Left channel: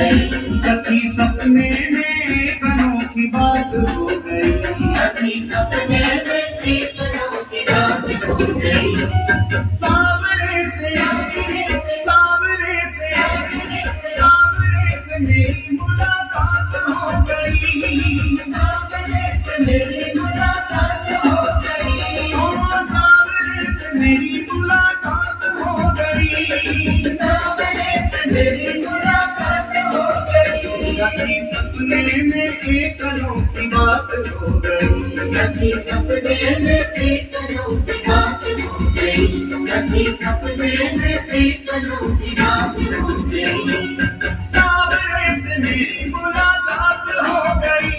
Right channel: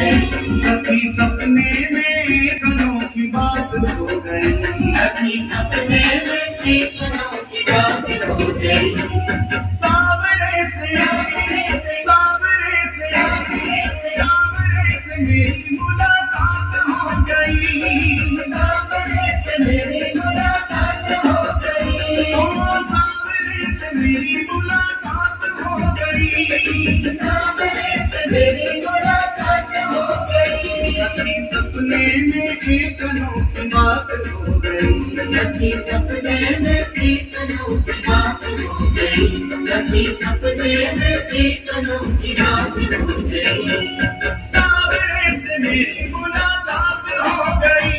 सखी सपने में कनों की बात हो गई। सखी सपने में कनों की बात हो गई। सावरे से सावरे से सावरे से मेरी मुलाकात हो गई। सावरे से मेरी मुलाकात हो गई। ओ सावरे से मेरी मुलाकात हो गई। सावरे से मेरी मुलाकात हो गई। सखी सपने में कनों की बात हो गई। सखी सपने में कनों की बात हो गई। सखी सपने में कनों की बात हो गई। सावरे से मेरी मुलाकात हो गई।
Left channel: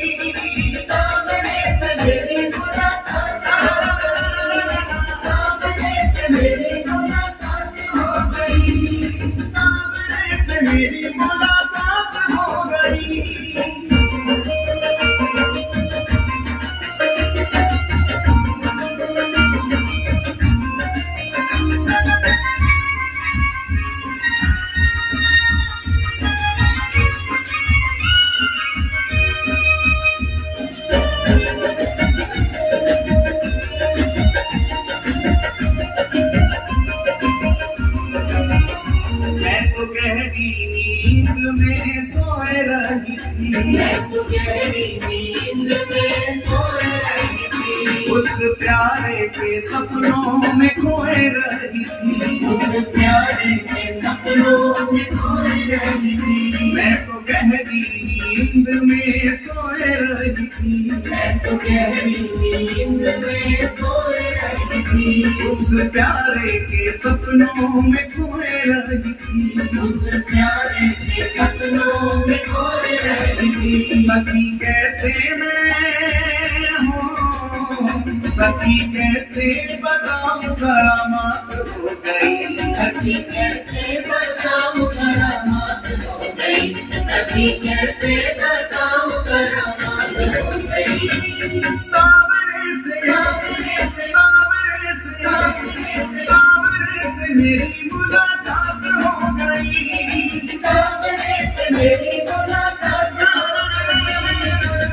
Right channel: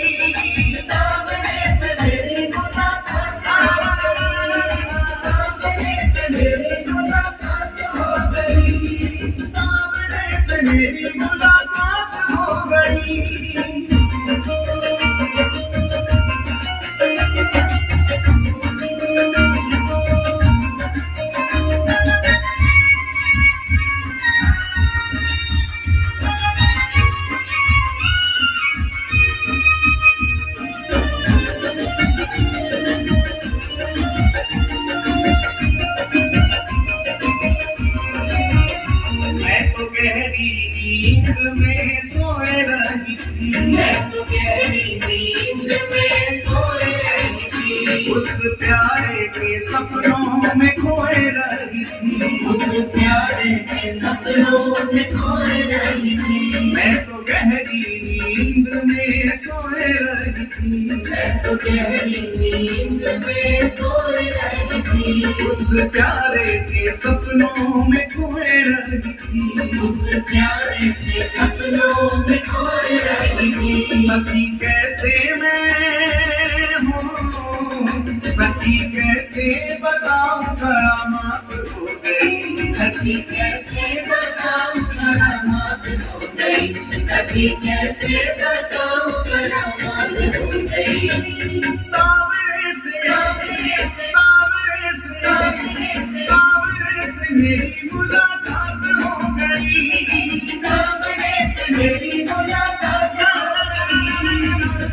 सावरे से मेरी मुलाकात हो गई। सावरे से मेरी मुलाकात हो गई। सावरे से मेरी मुलाकात हो गई। नींद में सोए रही थी। मैं तो गहरी नींद में सोए रही थी। उस प्यारे के सपनों में खोए रही थी। उस प्यारे के सपनों में खोए रही थी। मैं तो गहरी नींद में सोए रही थी। मैं तो गहरी नींद में सोए रही थी। उस प्यारे के सपनों में खोए रही थी। उस प्यारे के सपनों में खोए रही थी। सखी कैसे मैं हूँ, सखी कैसे बताऊं करामात हो गई। सखी कैसे बताऊं करामात हो गई। सखी कैसे बताऊं करामात हो गई। सावरे से सावरे से सावरे से सावरे से मेरी मुलाकात हो गई। सावरे से मेरी मुलाकात हो गई।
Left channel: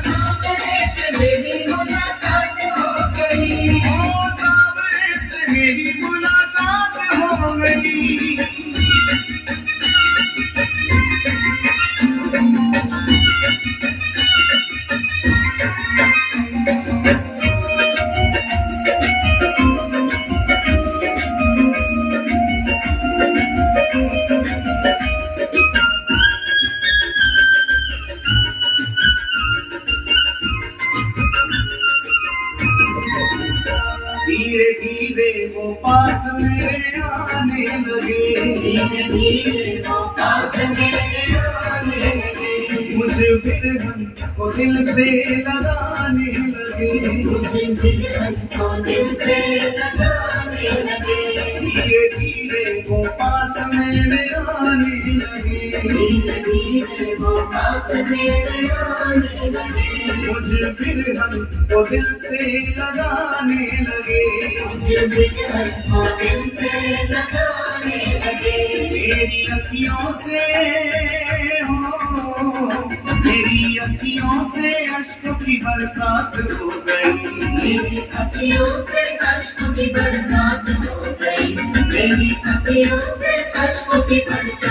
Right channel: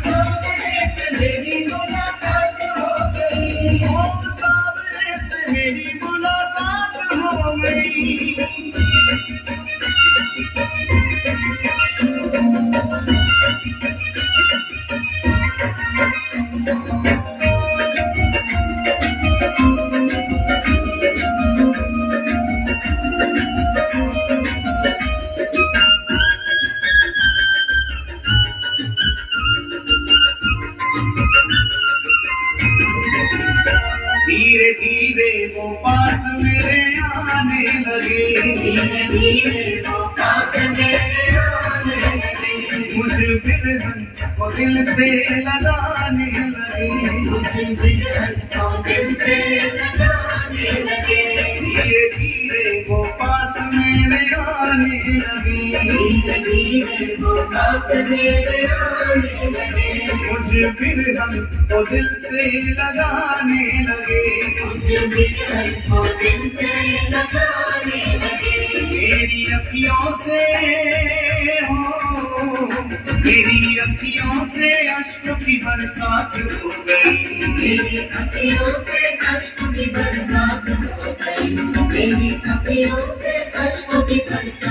सावरे से मेरी मुलाकात हो गई। ओ सावरे से मेरी मुलाकात हो गई। धीरे धीरे वो पास मेरे आने लगे। धीरे धीरे वो पास मेरे आने लगे। मुझे बिरहन को दिल से लगाने लगे। मुझे बिरहन को दिल से लगाने लगे। धीरे धीरे वो पास मेरे आने लगे। धीरे धीरे वो पास मेरे आने लगे। मुझे बिरहन को दिल से लगाने लगे। मुझे बिरहन को दिल से लगाने लगे। मेरी अखियों से हो, मेरी अखियों से अश्क की बरसात हो गई। मेरी अखियों से अश्क की बरसात हो गई। मेरी अखियों से अश्क की बरसात